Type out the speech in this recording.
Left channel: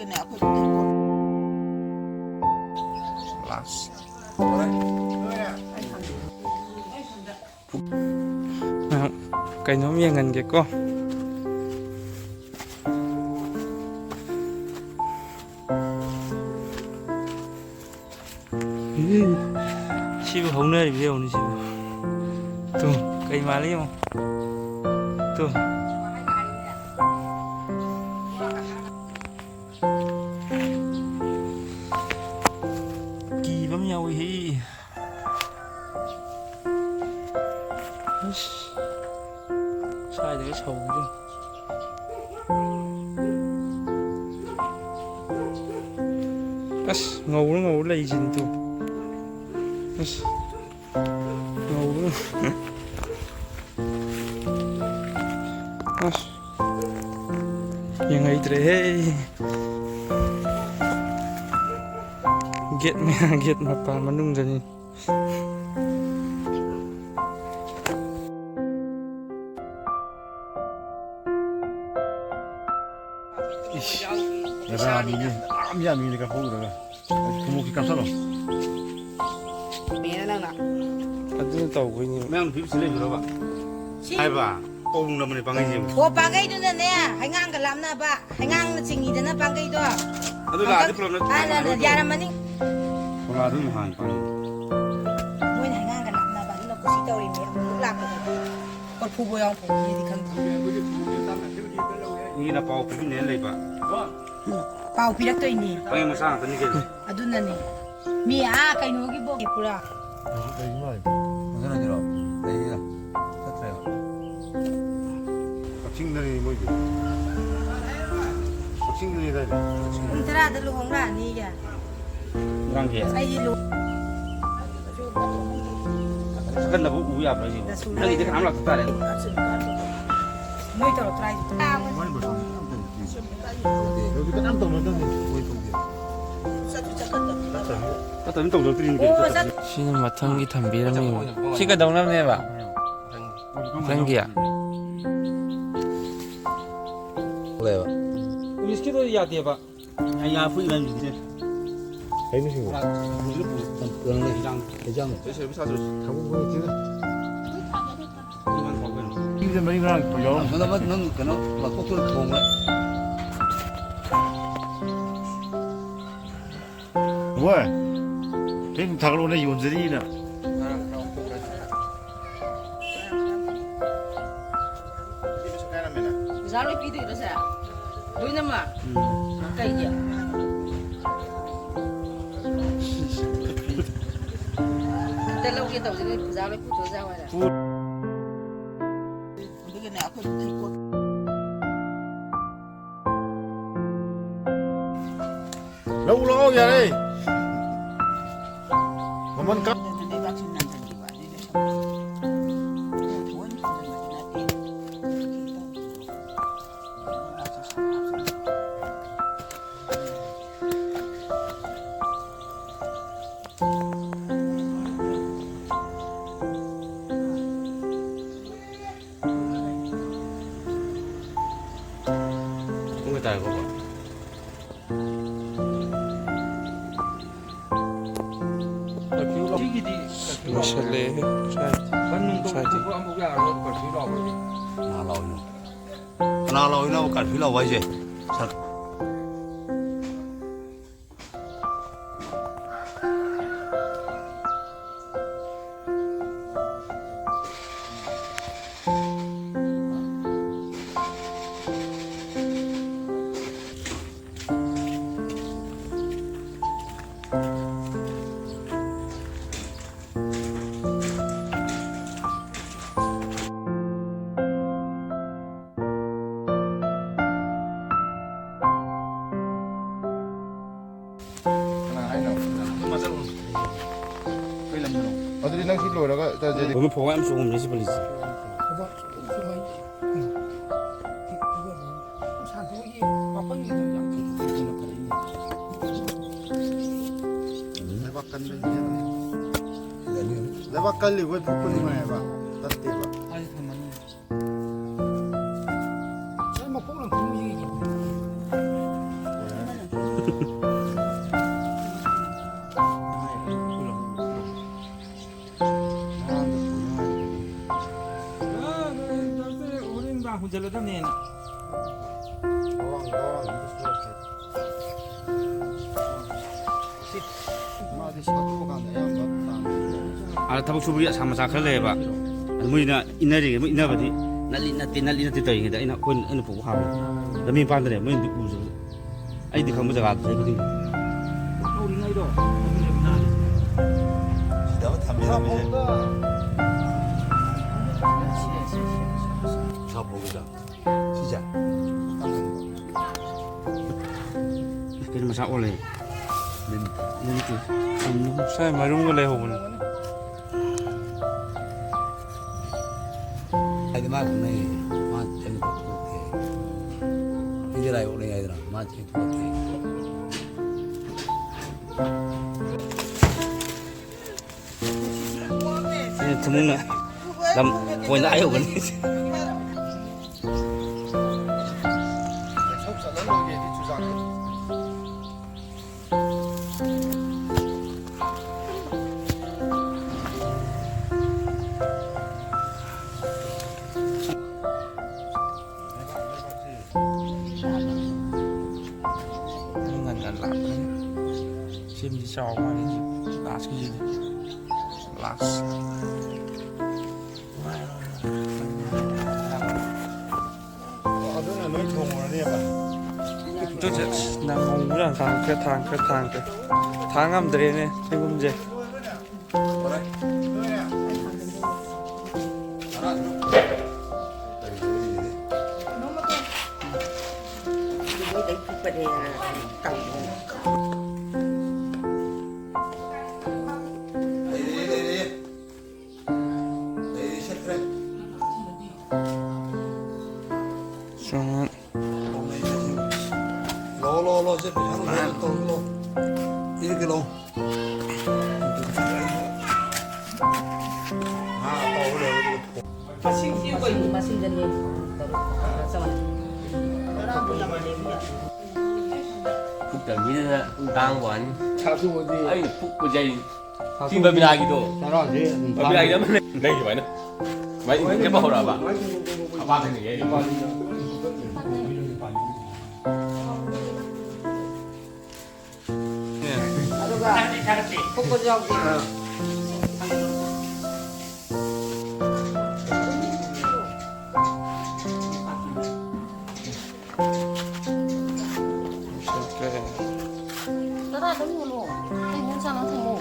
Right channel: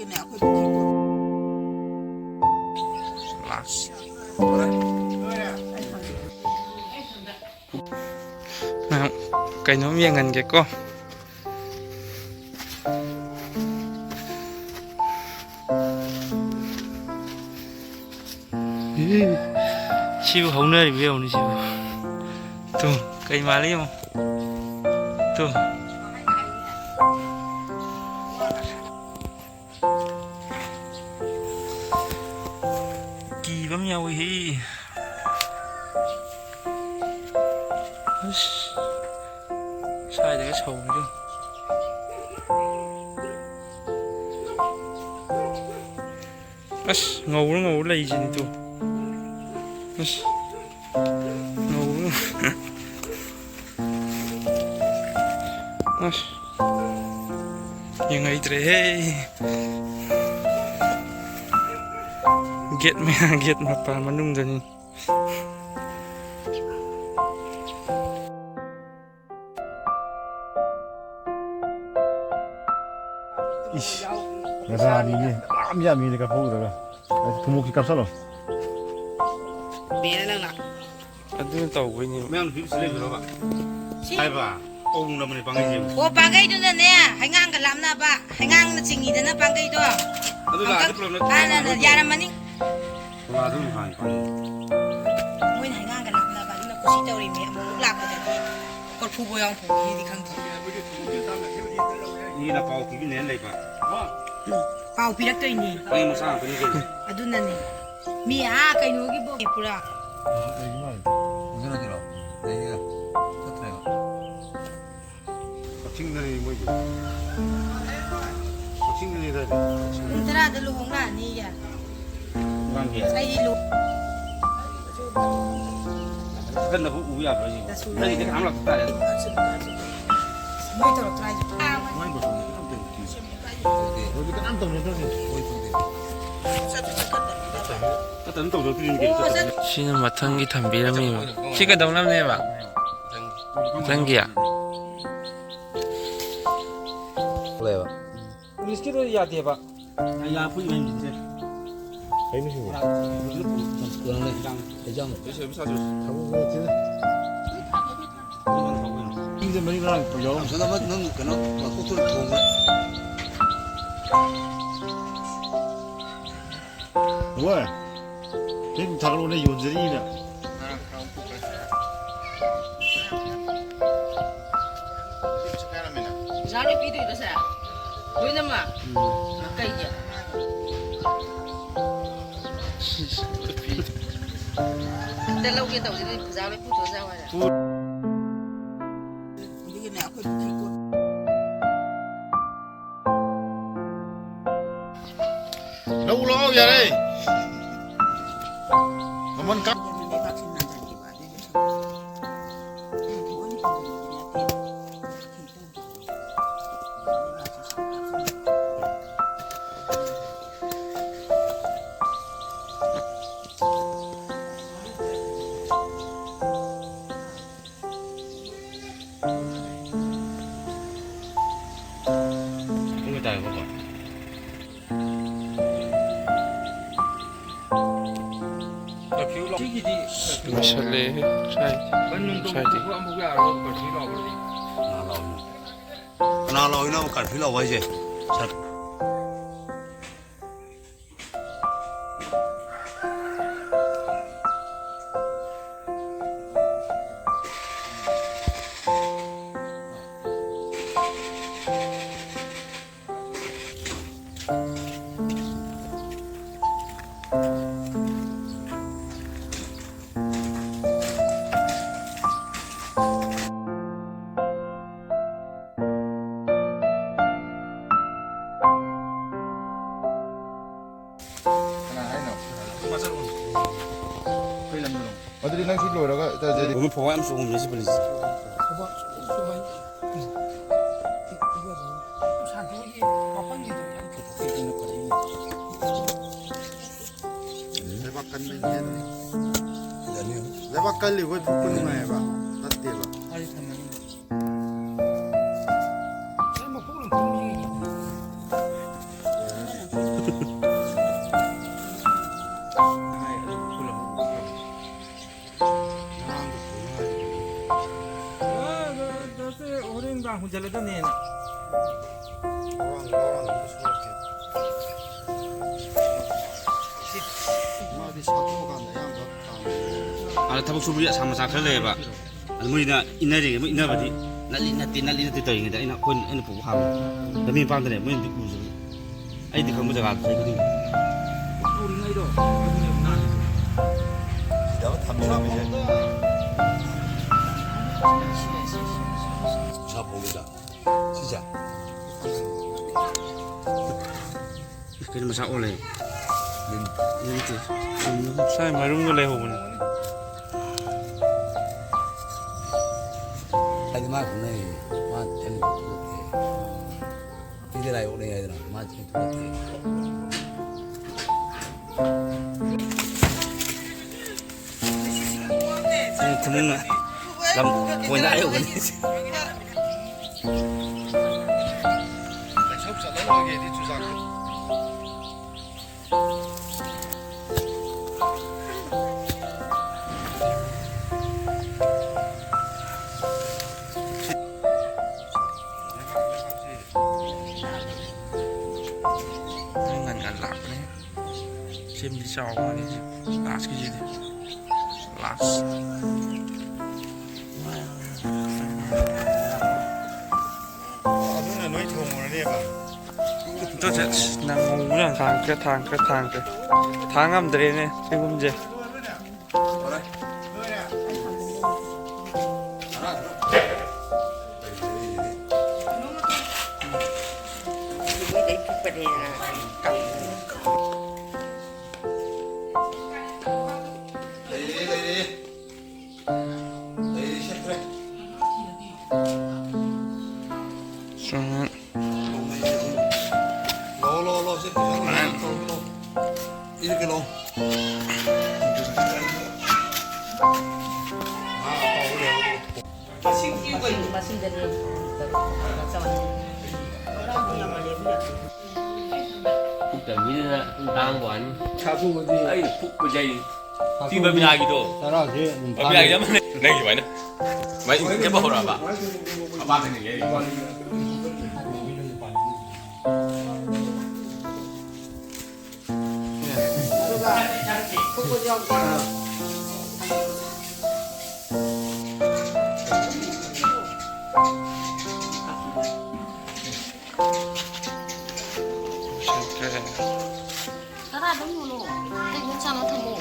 ꯑꯗꯨꯒꯤꯅꯦ ꯑꯩꯈꯣꯏ ꯀꯩꯅꯣꯝ ꯌꯦꯡꯍꯟꯒꯦꯀꯣ. 시부 ꯍꯧꯅꯔꯤꯕ ꯌꯦꯡꯉꯨꯅꯦ 시부. 또 ꯀꯩ ꯃꯥꯜꯂꯤ ꯌꯦꯡꯉꯣ. 또 ꯀꯤꯕ ꯑꯃ ꯌꯥꯎꯏ. ꯑꯁ ꯁ꯭ꯋꯥꯏꯗꯒ ꯁꯧꯕꯁꯨ. ꯑꯁ ꯉꯧꯔ ꯂꯩꯁꯤꯅꯤ ꯇꯨ. ꯑꯁ ꯉꯧꯔ. ꯑꯁ ꯌꯦꯡꯍꯩꯗ꯭ꯔꯦꯍꯦ. ꯒꯦꯠ ꯃꯄꯥ ꯃꯅꯨꯡꯗꯅꯤ. 라니네 암야미니까 보더라. 구멍이 깜짝어. ꯄꯦꯅ ꯑꯗꯨꯅ ꯇꯧꯕꯩꯅꯤ. ꯃꯌꯥꯝ ꯐꯤꯛꯁ ꯂꯩꯕ. ꯍꯥꯏꯕ. ꯄꯥꯎꯅ ꯃꯅꯤ ꯄꯥꯡꯒꯩꯁꯦ. ꯑꯣ ꯄꯥꯡꯒꯩꯗꯨꯅꯅꯦ ꯍꯩꯉꯥꯡꯒ ꯂꯥꯞꯅꯕ ꯍꯩꯉꯥꯡꯅ ꯆꯤꯡꯉꯤꯗꯅ ꯄꯥꯡꯒꯩꯗꯣ. ꯑꯗꯨ ꯂꯥꯛꯑꯗꯤ ꯄ꯭ꯔꯣꯕ꯭ꯂꯦꯝ ꯌꯥꯔꯝꯃꯅꯤ. ꯑꯗꯨ ꯍꯥꯟ ꯄꯥꯡꯒꯩ. ꯃꯣꯏꯅ ꯍꯩꯉꯥꯡꯒ ꯂꯥꯞꯅꯕ ꯑꯗꯨꯅ ꯀꯨꯁꯤ ꯇꯧꯔꯤꯃꯤ. ꯑꯃꯨꯛ ꯂꯥꯛꯄꯗꯗꯤ ꯀꯣꯔꯐꯨꯕ ꯌꯥꯎ ꯐꯣꯡꯗꯤ ꯈꯪꯗꯦ. ꯃꯤꯅ ꯄꯥꯎ ꯄꯤꯕꯤꯅꯦꯅ ꯂꯩꯕ. ꯄꯥꯎ ꯄꯤꯔꯛꯇꯣꯏꯅꯤ. ꯑꯩ ꯃꯁꯥ ꯉꯥꯛꯇꯅꯤ ꯀꯩꯅꯣ. ꯑꯗꯨꯅꯅꯦ ꯃꯤ ꯀꯩꯅꯣꯒꯤꯕꯣ ꯄꯨꯔꯥ. 무슨하지로 내가 터트려요. ꯀꯛꯆꯤꯡꯗꯅꯤ ꯃꯣꯏꯗꯤ. ꯀꯛꯆꯤꯡꯗꯅꯤꯗ. ꯄꯨꯡ 10ꯗ ꯂꯨꯍꯣꯡꯂꯛꯑꯅꯤꯒ. ꯉꯥꯡꯒꯦ. ꯑꯩꯗꯤ ꯀꯟꯅꯕꯨ ꯎ ꯌꯥꯕ꯭ꯔꯥ 이거. ꯑꯩꯗꯤ ꯀꯅꯥꯝ ꯂꯥꯛꯇ ꯇꯥꯔꯦ. ꯃꯣꯏ ꯇꯧꯔꯛꯇ꯭ꯔꯥ ꯍꯥꯏꯁꯦ. ꯃꯣꯏ ꯃꯇꯨꯡꯗ ꯀꯅꯥꯝ ꯇꯧꯗꯦ. 여기 그냥 떠나다니 뭐 건데. 또 떠들더니 이게. 시는 마탕기 담비람이. 시가 덩남네봐. 땡기야. 그래요. 위스키도 야대봐. 야 부이면 이제. 해주시고. 그러네. 대장. 그래서 여기 사줄. 하고 그거 이만 하고 있는. 이제 머리가 벌려. 누가 막 그는 막 kok을 보고. 왜? 지금 다들 오늘 연설이나. ꯄꯩꯁꯥ ꯄꯤꯗꯣꯏꯔꯣ ꯁꯦ ꯂꯣꯏꯅꯃꯛ ꯀꯩꯒꯤ ꯑꯝꯇ ꯂꯧꯒꯦ ꯇꯧꯁꯤꯅꯦ ꯄꯩꯁꯥ ꯂꯣꯏ ꯄꯨꯊꯣꯛꯑ ꯍꯥꯏꯔ ꯑꯗꯨꯒꯤꯅꯦ ꯑꯩꯈꯣꯏ ꯄꯨꯈꯤ code lâu vậy mà mình cắt không người ta có vậy 마샬레. 샤이디. nào lòi nó cả phí lòi vậy gì? 어디 낚시 로라가 오늘 보고 하면서 오늘 몇시 벌리지? 내가 깔리고 부끄는 거야 봐. 따뜻해 봐. 아, 타박 수부리 sama sakale ba. Almuina inari mo inabadi. Nali na titoy ngida ina ko ina po ha. Dami pa ndre mo indi ku. Ai di kamu jaga sai kudi. Uri ngai do. 내가 담배를 자 보기다 진짜 Kini masak oleh. Ini itu. Saya marum ko leho bun. 아니 말네 마 재미 좋게 이래라 오래 얘들아 마 재미 좋게 Ini temen lam poin ayo kan. Ngàn lạc đấy. Chim đi sau mà đi. Last cái gì đi. Last. 아들은 너희 좋은 해 봐. 저 난 우랑 당 당함 들이네 지금제. 좀 로로로 이제 로로 이렇게 로 Phúc tầm như là tang của anh ấy phúc của dây khi mà bị ai gitu mà bị ai dám đây gì vậy nè vậy cái bao rồi bà ba thằng này 이렇게 나라 너무 뭐 괜찮아 뭐.